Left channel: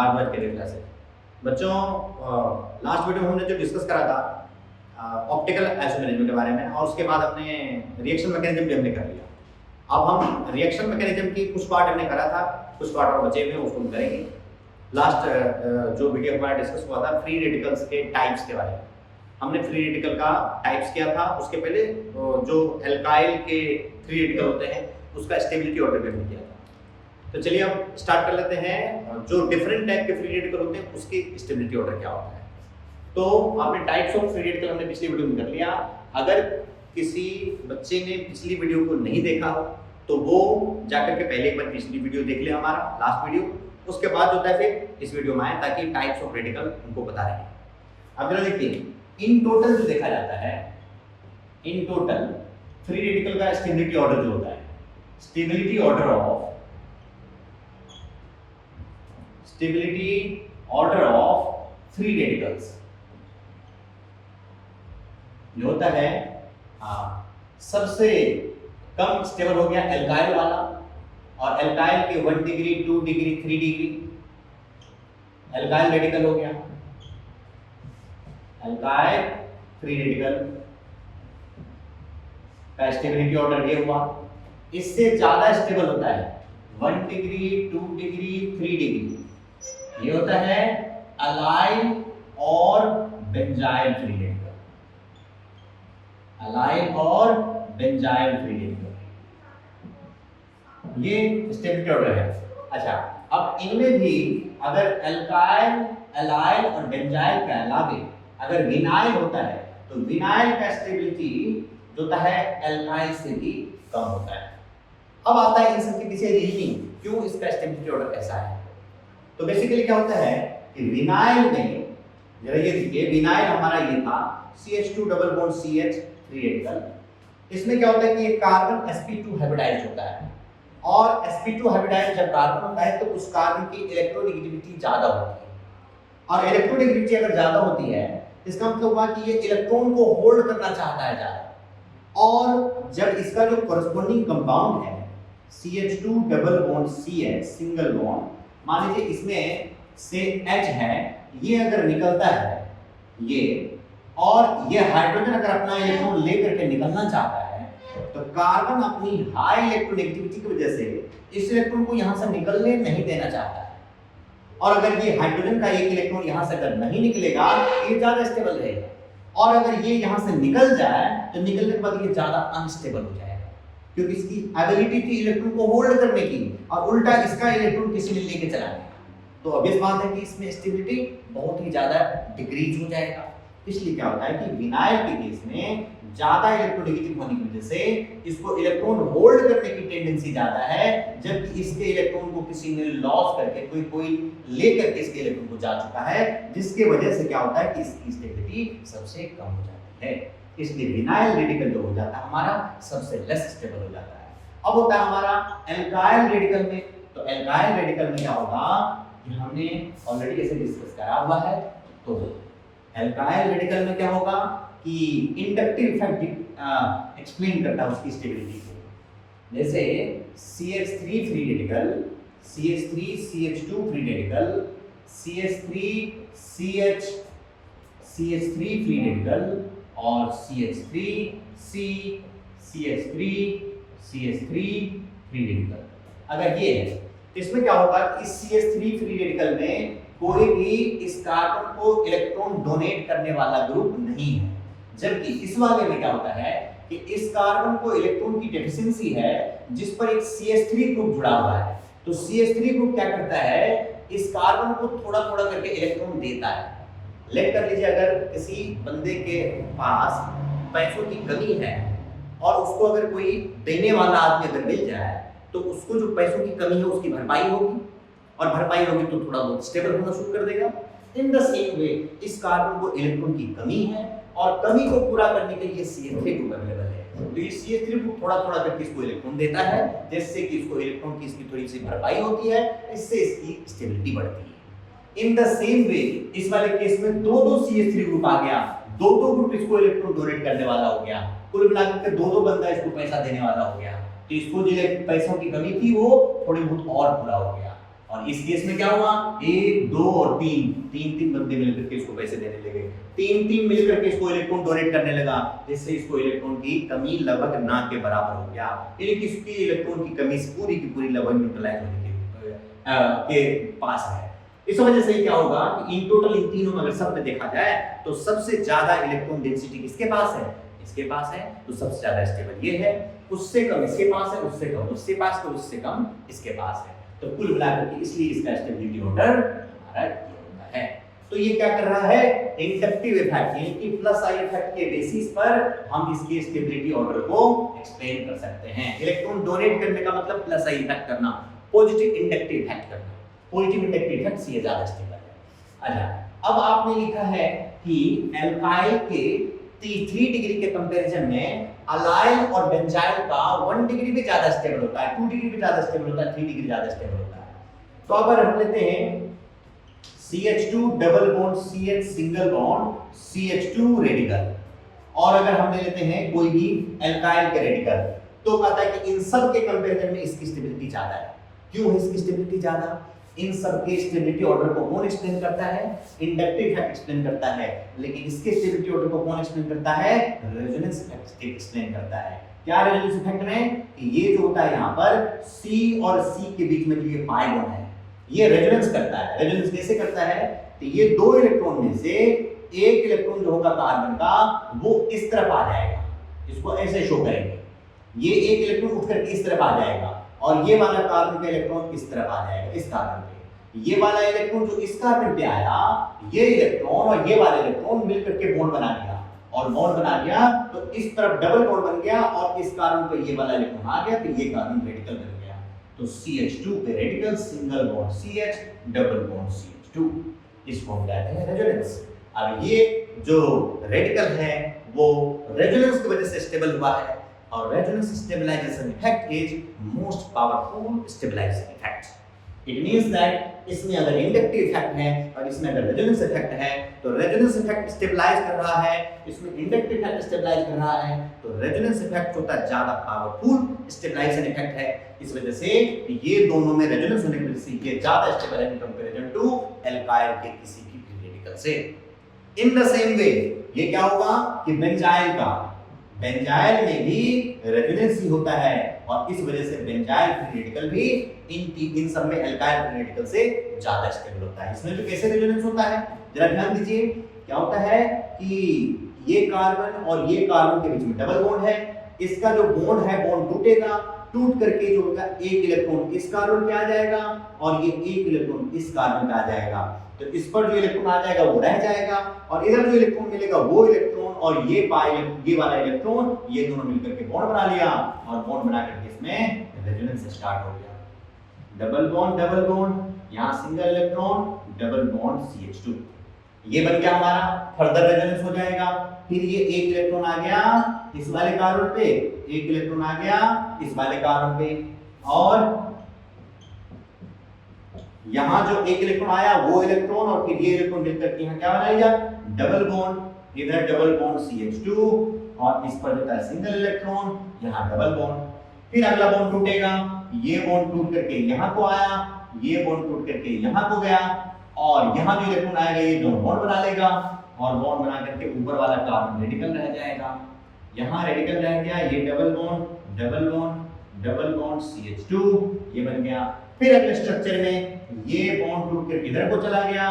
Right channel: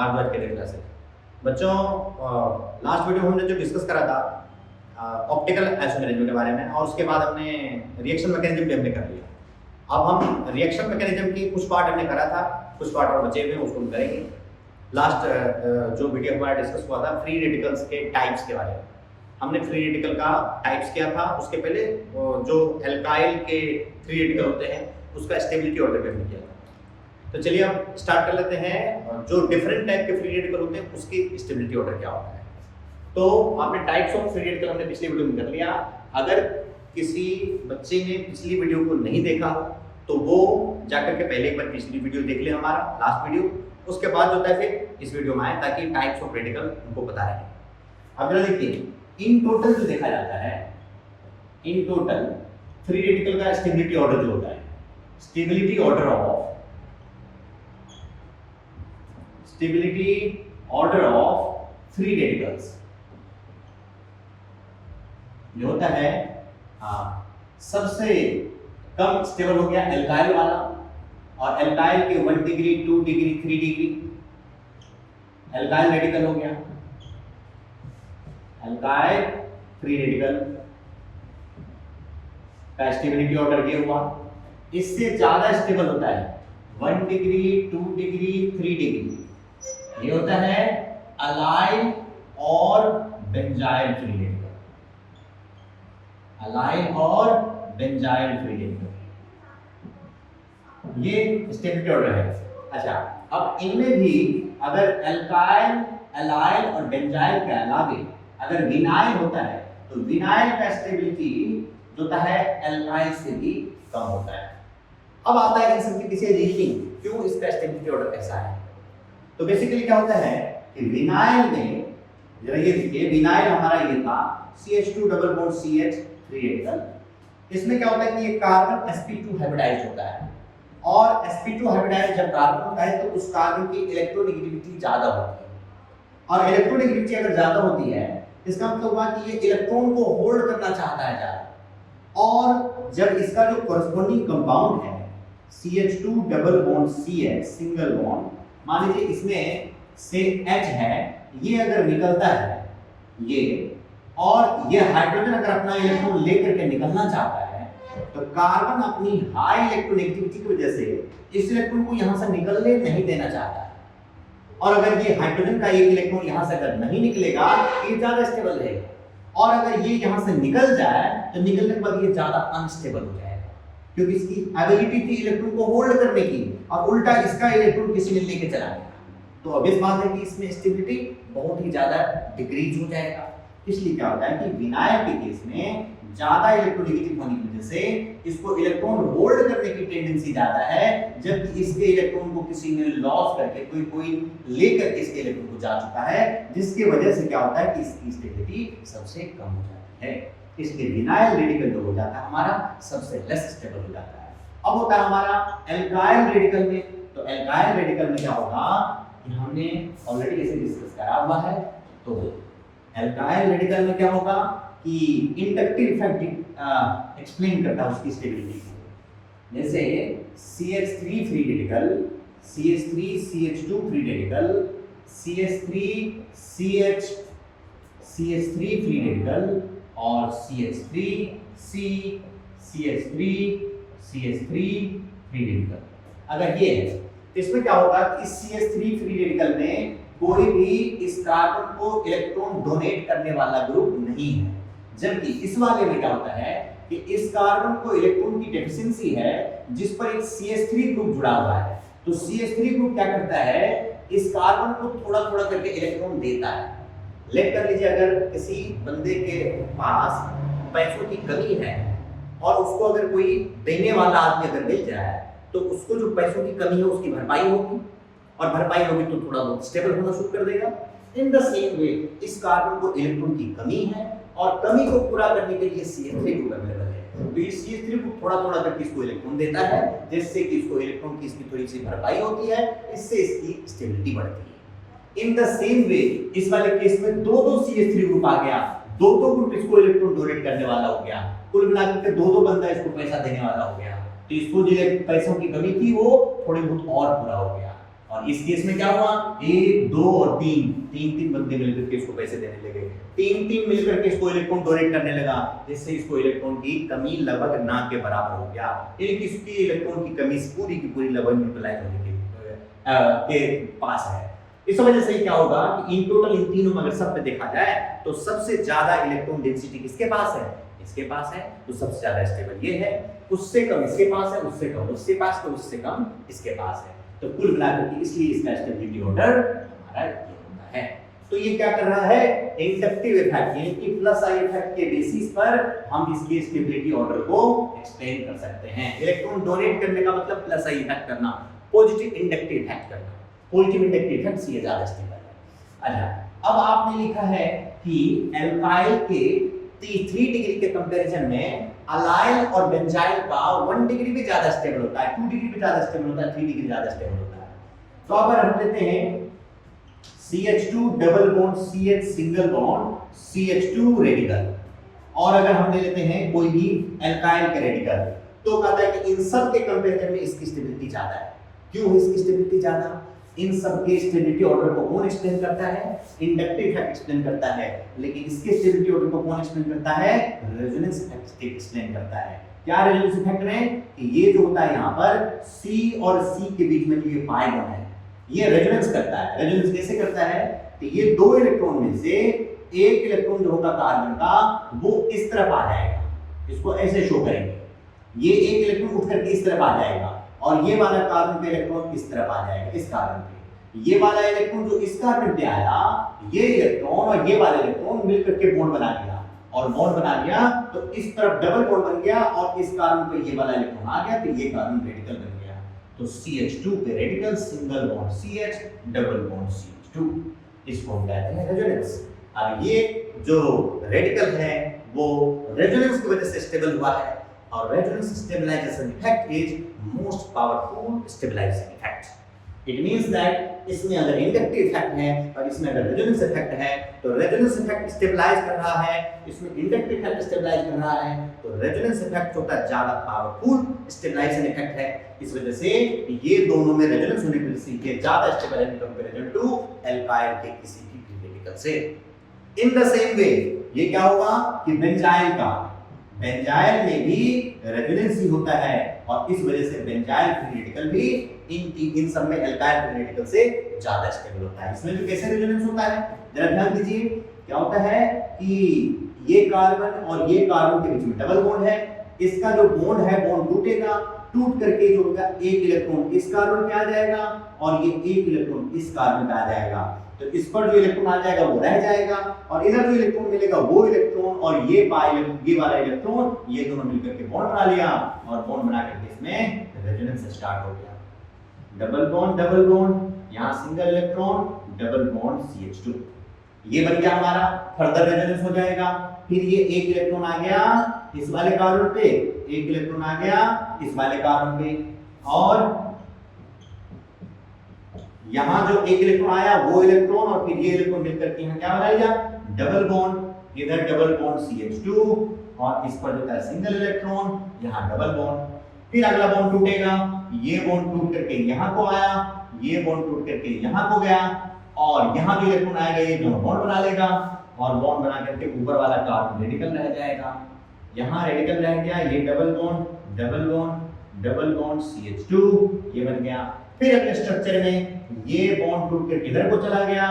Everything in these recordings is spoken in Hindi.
भारद्वाज के क्लासेस। बच्चों, लास्ट वीडियो में हमने जो डिस्कस करा था ऑप्टिकल आइसोमेरिज्म के बारे में, और उसके बाद हमने रिएक्शन मैकेनिज्म भी हमने कर लिया। अब हम रिएक्शन मैकेनिज्म की कुछ पार्ट हमने करा था, कुछ पार्ट और बचे हुए हैं, उसको हम करेंगे। लास्ट जो वीडियो हमारा डिस्कस हुआ था फ्री रेडिकल्स के टाइप्स के बारे में, हमने फ्री रेडिकल का टाइप्स किया था। उसके पहले जो एल्काइल के फ्री रेडिकल होते हैं उसका स्टेबिलिटी ऑर्डर भी हमने किया था। तो चलिए अब स्टार्ट कर लेते हैं, जो डिफरेंट टाइप के फ्री रेडिकल होते हैं उसकी स्टेबिलिटी ऑर्डर क्या होता है। तो आपने टाइप्स ऑफ फ्री रेडिकल हमने पिछली वीडियो में कर लिया। अगर किसी बच्चे ने पिछली वीडियो को नहीं देखा हो तो वो जाकर के पहले एक बार पिछली वीडियो देख ले, हमारा लास्ट वीडियो, उसके बाद होता है फिर इस वीडियो में आए, ताकि टाइप्स ऑफ रेडिकल उनको पता रहे। अब जरा देखिए, इन टोटल जो देखा जाता है, इन टोटल फ्री रेडिकल का स्टेबिलिटी ऑर्डर जो होता है, stability order of free radicals जो होता है, सबसे कम स्टेबल हो गया एल्काइल वाला, और एल्काइल के 1 degree 2 degree 3 degree alkyl radical हो गया, एल्काइल फ्री रेडिकल का स्टेबिलिटी ऑर्डर ये हुआ। इससे ज्यादा स्टेबल होता है 1 डिग्री 2 डिग्री 3 डिग्री, ये होता है अलाइल और बेंजाइल फ्री रेडिकल, अलाइल और बेंजाइल फ्री रेडिकल, ये स्टेबिलिटी ऑर्डर है। अच्छा, अब इनमें भी अगर एल्काइल, एलाइल और बेंजाइल के अलावे अगर विनाइल होता है तो विनाइल का स्टेबिलिटी जो होता है एल्काइल से भी कम होता है। अब आता है इन सब के पीछे रीजनिंग, क्यों इसका स्टेबिलिटी ऑर्डर ऐसा है। तो बेसिकली क्या होता है कि विनाइल में, जरा ये देखिए, विनाइल हमारा ये था CH2 double bond CH free radical. इसमें क्या होता है कि ये कार्बन sp2 हाइब्रिडाइज्ड होता है, और sp2 हाइब्रिडाइज्ड जब कार्बन होता है तो उस कार्बन की इलेक्ट्रोनेगेटिविटी ज्यादा होती है, और इलेक्ट्रोनेगेटिविटी अगर ज्यादा होती है इसका मतलब हुआ कि ये इलेक्ट्रॉन को होल्ड करना चाहता है ज्यादा। और जब इसका जो कोरेस्पोंडिंग कंपाउंड है CH2 double bond CH single bond, मान लीजिए इसमें से H है, ये अगर निकलता है ये, और ये हाइड्रोजन अगर अपना इलेक्ट्रॉन लेकर के निकलना चाहता है, तो कार्बन अपनी हाई इलेक्ट्रोनेगेटिविटी की वजह से इस इलेक्ट्रॉन को यहां से निकलने नहीं देना चाहता है। और अगर ये हाइड्रोजन का एक इलेक्ट्रॉन यहां से अगर नहीं निकलेगा, ये ज्यादा स्टेबल रहेगा, और अगर ये यहां से निकल जाए तो निकलने के बाद ये ज्यादा अनस्टेबल हो जाएगा, क्योंकि इसकी एबिलिटी थी इलेक्ट्रॉन को होल्ड करने की, और उल्टा इसका इलेक्ट्रॉन किसी ने लेके चला गया। तो अब इस बात है कि इसमें स्टेबिलिटी बहुत ही ज्यादा डिक्रीज हो जाएगा। इसलिए क्या होता है कि विनाइल के केस में ज्यादा इलेक्ट्रोनेगेटिव होने की वजह से इसको इलेक्ट्रॉन होल्ड करने की टेंडेंसी ज्यादा है, जबकि इसके इलेक्ट्रॉन को किसी ने लॉस करके कोई लेकर के इसके इलेक्ट्रॉन को जा चुका है, जिसकी वजह से क्या होता है कि इसकी स्टेबिलिटी सबसे कम हो जाती है। इसलिए विनाइल रेडिकल जो हो जाता है हमारा सबसे लेस स्टेबल हो जाता है। अब होता है हमारा एल्काइल रेडिकल में। तो एल्काइल रेडिकल में क्या होगा, हमने ऑलरेडी ऐसे डिस्कस करा हुआ है। तो एल्काइल रेडिकल में क्या होगा कि इंडक्टिव इफेक्ट एक्सप्लेन करता है उसकी स्टेबिलिटी को। जैसे CH3 free radical, CH3 CH2 free radical, CH3 CH3 free radical, और CH3 CH3 फ्री रेडिकल। अगर ये है, इसमें क्या होगा कि इस CH3 फ्री रेडिकल में कोई भी इस कार्बन को इलेक्ट्रॉन डोनेट करने वाला ग्रुप नहीं है, जबकि इस वाले में क्या होता है कि इस कार्बन को इलेक्ट्रॉन की डेफिशिएंसी है जिस पर एक CH3 ग्रुप जुड़ा हुआ है। तो CH3 ग्रुप क्या करता है, इस कार्बन को थोड़ा थोड़ा करके इलेक्ट्रॉन देता है। लेट कर लीजिए अगर किसी बंदे के पास पैसों की कमी है और उसको अगर कोई देने वाला आदमी अगर मिल जाए, तो उसको जो पैसों की कमी है उसकी भरपाई होगी, और भरपाई होगी तो थोड़ा बहुत स्टेबल होना शुरू कर देगा। इन द सेम वे इस कार्बन को इलेक्ट्रॉन की कमी है, और कमी को पूरा करने के लिए CH3 ग्रुप अवेलेबल है। तो ये CH3 ग्रुप थोड़ा थोड़ा करके इसको इलेक्ट्रॉन देता है, जिससे कि इसको इलेक्ट्रॉन की इसकी थोड़ी सी भरपाई होती है, इससे इसकी स्टेबिलिटी बढ़ती है। इन द सेम वे इस वाले केस में दो CH3 ग्रुप आ गया, दो ग्रुप इसको इलेक्ट्रॉन डोनेट करने वाला हो गया, कुल मिलाकर दो बंदा इसको पैसा देने वाला हो गया। तो इसको जो पैसों की कमी थी वो थोड़ी बहुत और पूरा हो गया। और इस केस में क्या हुआ, 1 2 और 3 तीन बंदे मिलकर के इसको पैसे देने लगे, तीन मिलकर के इसको इलेक्ट्रॉन डोनेट करने लगा, जिससे इसको इलेक्ट्रॉन की कमी लगभग ना के बराबर हो गया, यानी कि इसकी इलेक्ट्रॉन की कमी पूरी की पूरी लगभग न्यूट्रलाइज होने के पास है। इस वजह से क्या होगा कि इन टोटल इन तीनों में अगर सब में देखा जाए तो सबसे ज्यादा इलेक्ट्रॉन डेंसिटी किसके पास है, इसके पास है, तो सबसे ज्यादा स्टेबल ये है, उससे कम इसके पास है, उससे कम उसके पास, तो उससे कम इसके पास है। तो कुल मिलाकर के इसलिए इसका स्टेबिलिटी ऑर्डर हमारा ये होता है। तो ये क्या कर रहा है, इंडक्टिव इफेक्ट यानी कि प्लस आई इफेक्ट के बेसिस पर हम इसके स्टेबिलिटी ऑर्डर को एक्सप्लेन कर सकते हैं। इलेक्ट्रॉन डोनेट करने का मतलब प्लस आई इफेक्ट करना, पॉजिटिव इंडक्टिव इफेक्ट करना, पॉजिटिव इंडक्टिव इफेक्ट से ये ज्यादा स्टेबल है। अच्छा, अब आपने लिखा है कि एल्काइल के 3 डिग्री के कंपैरिजन में अलाइल और बेंजाइल का 1 डिग्री भी ज्यादा स्टेबल होता है, 2 डिग्री भी ज्यादा स्टेबल होता है, 3 डिग्री ज्यादा स्टेबल होता है। तो अब हम लेते हैं CH2 double bond CH single bond CH2 radical, और अगर हम ले लेते हैं कोई भी एल्काइल के रेडिकल, तो कहता है कि इन सब के कंपैरिजन में इसकी स्टेबिलिटी ज्यादा है। क्यों इसकी स्टेबिलिटी ज्यादा, इन सब के स्टेबिलिटी ऑर्डर को कौन एक्सप्लेन करता है, इंडक्टिव इफेक्ट एक्सप्लेन करता है, लेकिन इसके स्टेबिलिटी ऑर्डर को कौन एक्सप्लेन करता है, रेजोनेंस इफेक्ट एक्सप्लेन करता है। क्या रेजोनेंस इफेक्ट में कि ये जो होता है यहाँ पर C और C के बीच में जो ये पाई बॉन्ड है, ये रेजोनेंस करता है। रेजोनेंस कैसे करता है, तो ये 2 इलेक्ट्रॉन में से एक इलेक्ट्रॉन जो होगा कार्बन का वो इस तरफ आ जाएगा, इसको ऐसे शो करेंगे, ये एक इलेक्ट्रॉन उठ करके इस तरफ आ जाएगा, और ये वाला कार्बन का इलेक्ट्रॉन इस तरफ आ जाएगा, इस कार्बन पे। ये वाला इलेक्ट्रॉन जो इस कार्बन पे आया, ये इलेक्ट्रॉन और ये वाला इलेक्ट्रॉन मिलकर के बॉन्ड बना लिया, और बॉन्ड बना लिया तो इस तरफ डबल बॉन्ड बन गया, और इस कार्बन पे ये वाला इलेक्ट्रॉन आ गया, तो ये कार्बन रेडिकल बन गया। तो CH2 पे radical single bond CH double bond CH2, इसको हम कहते हैं रेजोनेंस। अब ये जो रेडिकल है वो रेजोनेंस की वजह से स्टेबल हुआ है, और resonance stabilisation effect is most powerful stabilising effect. It means that इसमें अगर इंडक्टिव इफेक्ट है और इसमें अगर रेजोनेंस इफेक्ट है, तो रेजोनेंस इफेक्ट स्टेबलाइज कर रहा है, इसमें इंडक्टिव इफेक्ट स्टेबलाइज कर रहा है, तो रेजोनेंस इफेक्ट होता है ज्यादा पावरफुल स्टेबलाइजेशन इफेक्ट है। इस वजह से ये दोनों में रेजोनेंस होने की वजह से ये ज्यादा स्टेबल है इन कंपैरिजन टू एल्काइल के किसी भी फ्री रेडिकल से। इन द सेम वे ये क्या होगा कि बेंजाइल का, बेंजाइल में भी रेजोनेंस ही होता है, और इस वजह से बेंजाइल फ्री रेडिकल भी इन सब में एल्काइल फ्री रेडिकल से ज्यादा स्टेबल होता है। इसमें भी कैसे रेजोनेंस होता है जरा ध्यान दीजिए। क्या होता है कि ये कार्बन और ये कार्बन के बीच में डबल बॉन्ड है, इसका जो बॉन्ड है बॉन्ड टूटेगा, टूट करके जो होगा एक इलेक्ट्रॉन इस कार्बन पे आ जाएगा, और ये एक इलेक्ट्रॉन इस कार्बन पे आ जाएगा, तो इस पर जो इलेक्ट्रॉन आ जाएगा वो रह जाएगा, और इधर जो इलेक्ट्रॉन मिलेगा वो इलेक्ट्रॉन और ये वाला इलेक्ट्रॉन, ये दोनों मिलकर के बॉन्ड बना लिया, और बॉन्ड बना करके इसमें रेजोनेंस स्टार्ट हो गया। डबल बॉन्ड, यहाँ single electron, double bond CH2, ये बन गया हमारा, फर्दर रेजोनेंस हो जाएगा। फिर ये एक इलेक्ट्रॉन आ गया इस वाले कार्बन पे, एक इलेक्ट्रॉन आ गया इस वाले कार्बन पे, और यहाँ जो एक इलेक्ट्रॉन आया वो इलेक्ट्रॉन और फिर ये इलेक्ट्रॉन मिलकर के यहाँ क्या बना लिया, डबल बॉन्ड, इधर डबल बॉन्ड CH2, और इस पर जो है सिंगल इलेक्ट्रॉन, यहाँ डबल बॉन्ड। फिर अगला बॉन्ड टूटेगा, ये बॉन्ड टूट करके यहाँ को आया, ये बॉन्ड टूट करके यहाँ को गया, और यहाँ जो इलेक्ट्रॉन आएगा ये दोनों बॉन्ड बना लेगा, और बॉन्ड बना करके ऊपर वाला कार्बन रेडिकल रह जाएगा, यहाँ रेडिकल रह गया, ये double bond double bond double bond CH2, ये बन गया। फिर अगले स्ट्रक्चर में ये बॉन्ड टूट करके इधर को चला गया,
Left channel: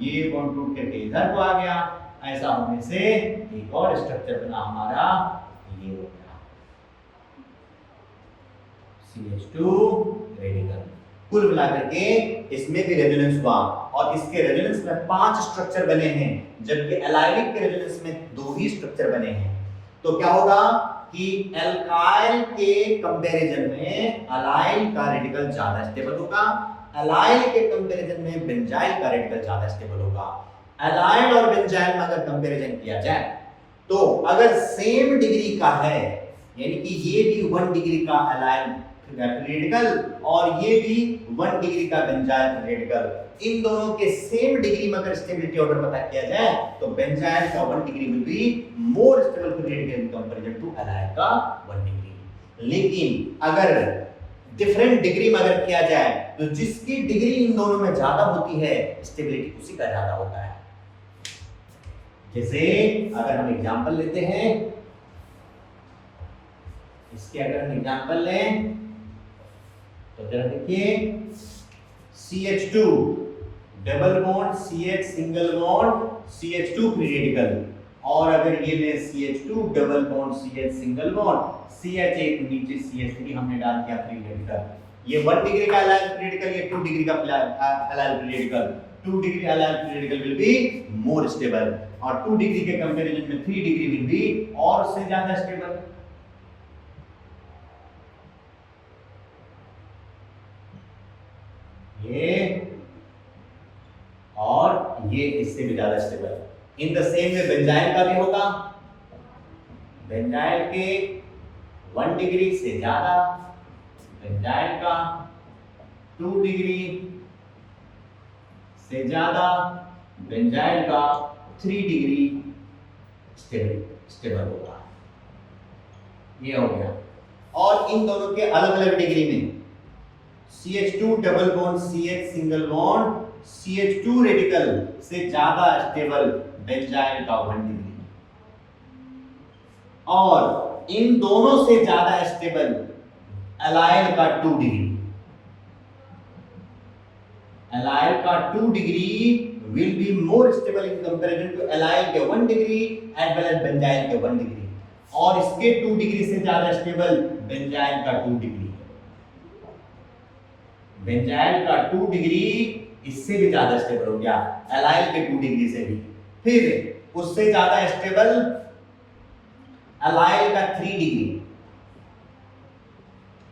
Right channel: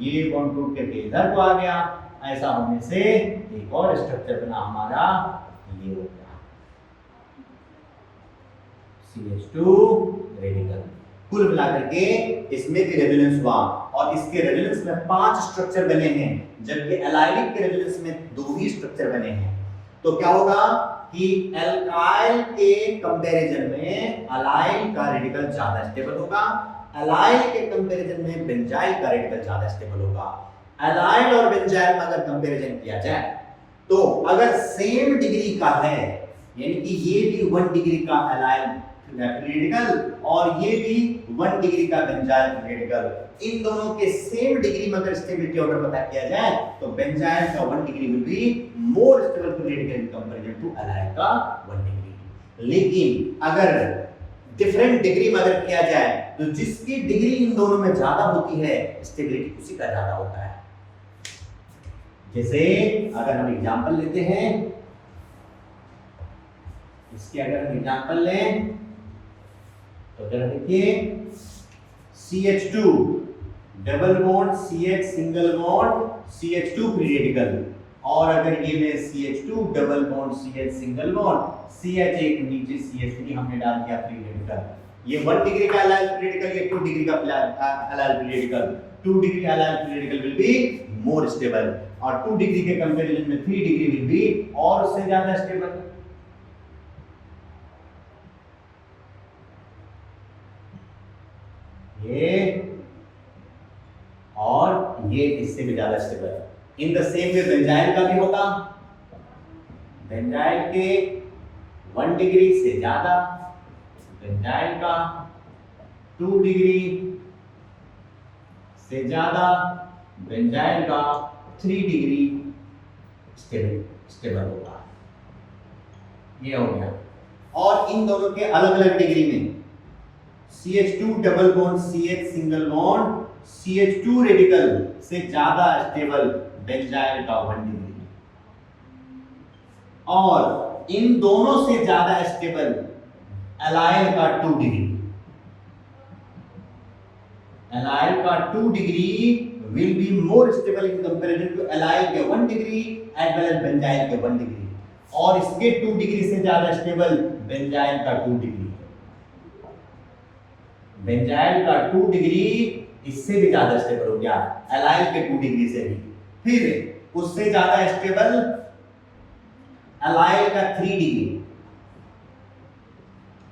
ये बॉन्ड टूट करके इधर को आ गया, ऐसा होने से एक और स्ट्रक्चर बना हमारा, ये हो गया CH2 रेडिकल। कुल मिलाकर के इसमें भी रेजोनेंस हुआ, और इसके रेजोनेंस में 5 स्ट्रक्चर बने हैं, जबकि एलाइलिक के रेजोनेंस में 2 ही स्ट्रक्चर बने हैं। तो क्या होगा कि एल्काइल के कंपैरिजन में अलाइल का रेडिकल ज्यादा स्टेबल होगा, एलाइल के कंपैरिजन में बेंजाइल का रेडिकल ज्यादा स्टेबल होगा। एलाइल और बेंजाइल में अगर कंपैरिजन किया जाए तो अगर सेम डिग्री का है, यानी कि ये भी 1 डिग्री का एलाइल रेडिकल और ये भी 1 डिग्री का बेंजाइल रेडिकल, इन दोनों के सेम डिग्री में अगर स्टेबिलिटी ऑर्डर पता किया जाए तो बेंजाइल का 1 degree will be more stable radical in comparison to allyl का 1 डिग्री। लेकिन अगर डिफरेंट डिग्री में अगर किया जाए तो जिसकी डिग्री इन दोनों में ज्यादा होती है स्टेबिलिटी उसी का ज्यादा होता है। जैसे अगर हम एग्जांपल लेते हैं, इसके अगर हम एग्जांपल लें तो जरा देखिए, CH2 double bond CH single bond CH2 free radical, और अगर ये मैं CH2 double bond CH single bond CH एक नीचे CH3 हमने डाल दिया फ्री रेडिकल, ये 1 डिग्री का एलाइल फ्री रेडिकल, ये 2 डिग्री का allyl free radical, 2 degree allyl free radical will be more stable, और 2 डिग्री के कंपैरिजन में 3 डिग्री विल बी और उससे ज्यादा स्टेबल। ये और ये इससे भी ज्यादा stable. In the same way benzyl का भी होगा, बेंजाइल के 1 डिग्री से ज्यादा, बेंजाइल का 2 डिग्री से ज्यादा, बेंजाइल का 3 डिग्री स्टेबल होगा। ये हो गया। और इन दोनों के अलग अलग डिग्री में CH2 double bond CH single bond CH2 radical से ज्यादा स्टेबल बेंजाइल का 1 डिग्री, और इन दोनों से ज्यादा स्टेबल एलाइल का 2 डिग्री। एलाइल का 2 degree will be more stable in comparison to allyl के 1 degree as well as benzyl के 1 डिग्री, और इसके 2 डिग्री से ज्यादा स्टेबल बेंजाइल का 2 डिग्री। बेंजाइल का 2 डिग्री इससे भी ज्यादा स्टेबल हो गया एलाइल के 2 डिग्री से भी। फिर उससे ज्यादा स्टेबल एलाइल का 3 डिग्री,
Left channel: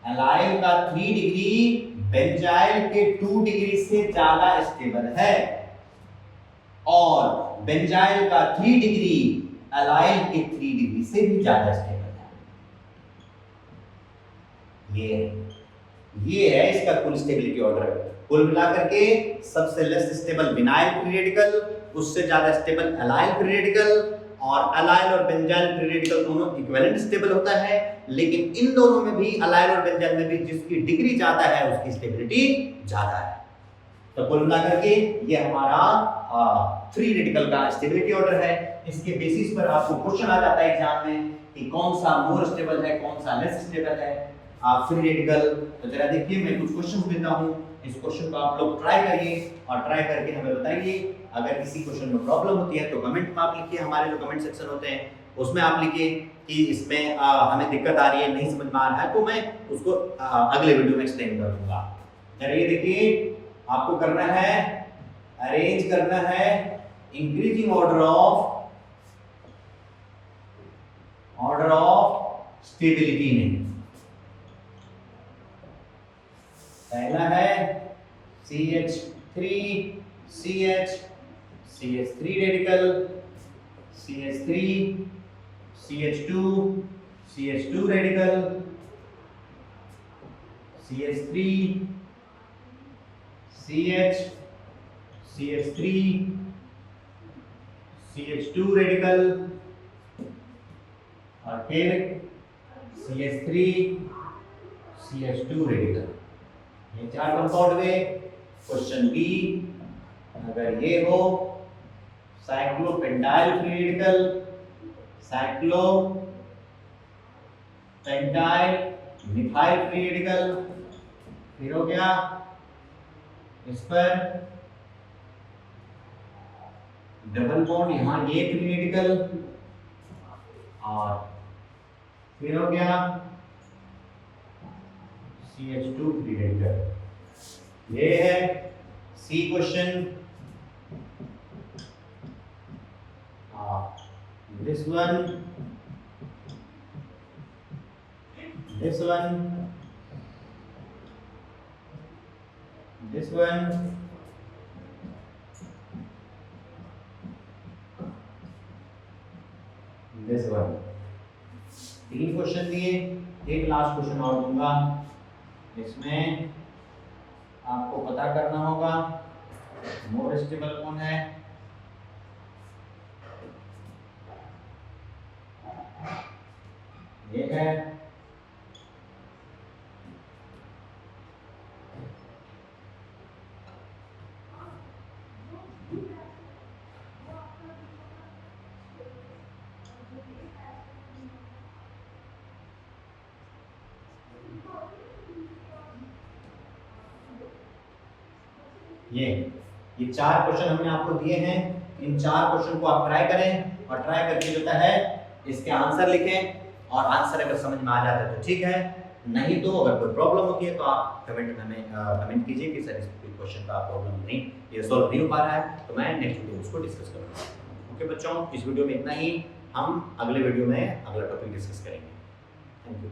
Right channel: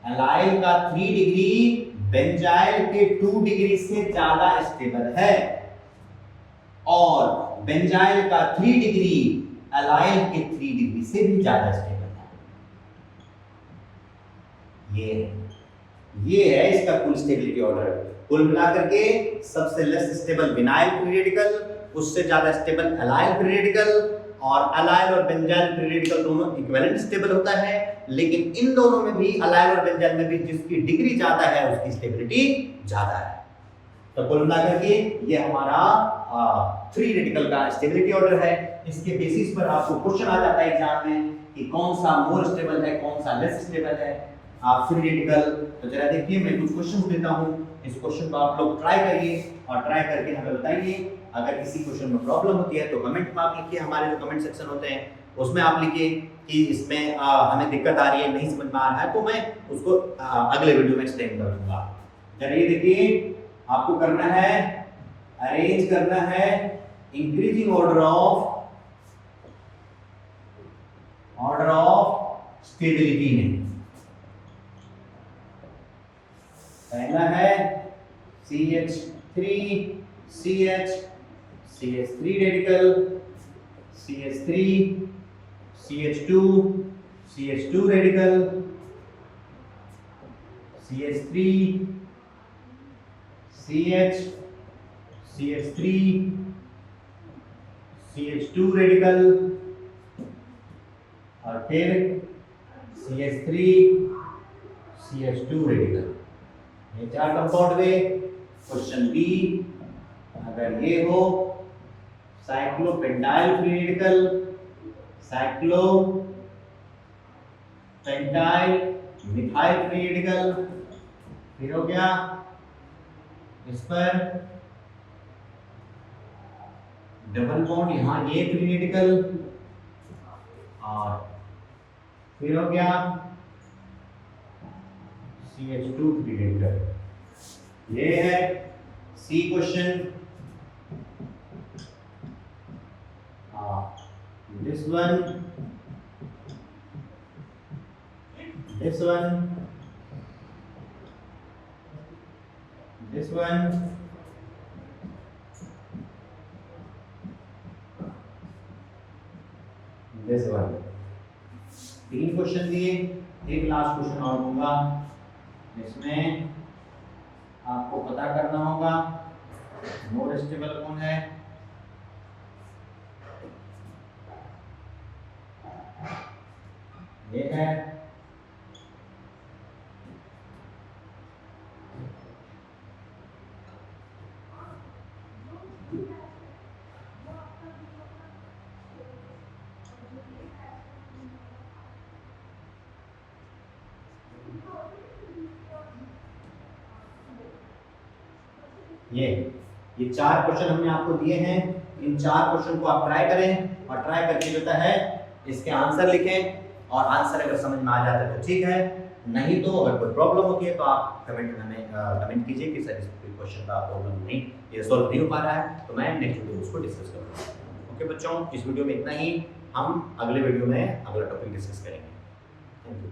एलाइल का 3 डिग्री बेंजाइल के 2 डिग्री से ज्यादा स्टेबल है, और बेंजाइल का 3 डिग्री एलाइल के 3 डिग्री से भी ज्यादा स्टेबल है। ये है इसका कुल स्टेबिलिटी ऑर्डर। कुल मिलाकर के सबसे less stable vinyl free radical, उससे ज्यादा स्टेबल एलाइल फ्री रेडिकल, और एलाइल और बेंजाइल फ्री रेडिकल दोनों इक्विवेलेंट स्टेबल होता है, लेकिन इन दोनों में भी एलाइल और बेंजाइल में भी जिसकी डिग्री ज्यादा है उसकी स्टेबिलिटी ज्यादा है। तो कुल मिलाकर के ये हमारा फ्री रेडिकल का स्टेबिलिटी ऑर्डर है। इसके बेसिस पर आपको क्वेश्चन आ जाता है एग्जाम में कि कौन सा मोर स्टेबल है, कौन सा लेस स्टेबल है फ्री रेडिकल। तो जरा देखिए, मैं कुछ क्वेश्चन देता हूं, इस क्वेश्चन को आप लोग ट्राई करिए और ट्राई करके हमें बताइए। अगर किसी क्वेश्चन में प्रॉब्लम होती है तो कमेंट में आप लिखिए, हमारे जो कमेंट सेक्शन होते हैं उसमें आप लिखिए कि इसमें हमें दिक्कत आ रही है, नहीं समझ में आ रहा है, तो मैं उसको अगले वीडियो में एक्सप्लेन कर दूंगा। जरा ये देखिए, आपको करना है, अरेंज करना है इंक्रीजिंग ऑर्डर ऑफ स्टेबिलिटी में। पहला है CH3 CH CH3 radical, CH3 CH2 CH2 radical, CH3 CH CH3 CH2 radical, और फिर CH3 CH2 रेडिकल। ये 4 कंपाउंड हुए। क्वेश्चन बी, अगर ये हो cyclopentyl free radical, cyclopentyl methyl free radical, फिर हो गया इस पर डबल बॉन्ड यहां ये फ्री रेडिकल, और फिर हो गया CH2 फ्री रेडिकल। ये है C question. This one, this one, this one, this one। 3 question दिए, एक लास्ट क्वेश्चन और दूंगा, इसमें आपको पता करना होगा मोर स्टेबल कौन है। ये है ये 4 क्वेश्चन हमने आपको दिए हैं, इन 4 क्वेश्चन को आप ट्राई करें और ट्राई करके जो है इसके आंसर लिखें, और आंसर अगर समझ में आ जाता है तो ठीक है, नहीं तो अगर कोई प्रॉब्लम होती है तो आप कमेंट में हमें कमेंट कीजिए कि सर इस क्वेश्चन का प्रॉब्लम नहीं, ये सॉल्व नहीं हो पा रहा है, तो मैं नेक्स्ट वीडियो में उसको डिस्कस करूँगा। ओके बच्चों, इस वीडियो में इतना ही, हम अगले वीडियो में अगला टॉपिक डिस्कस करेंगे। Thank you.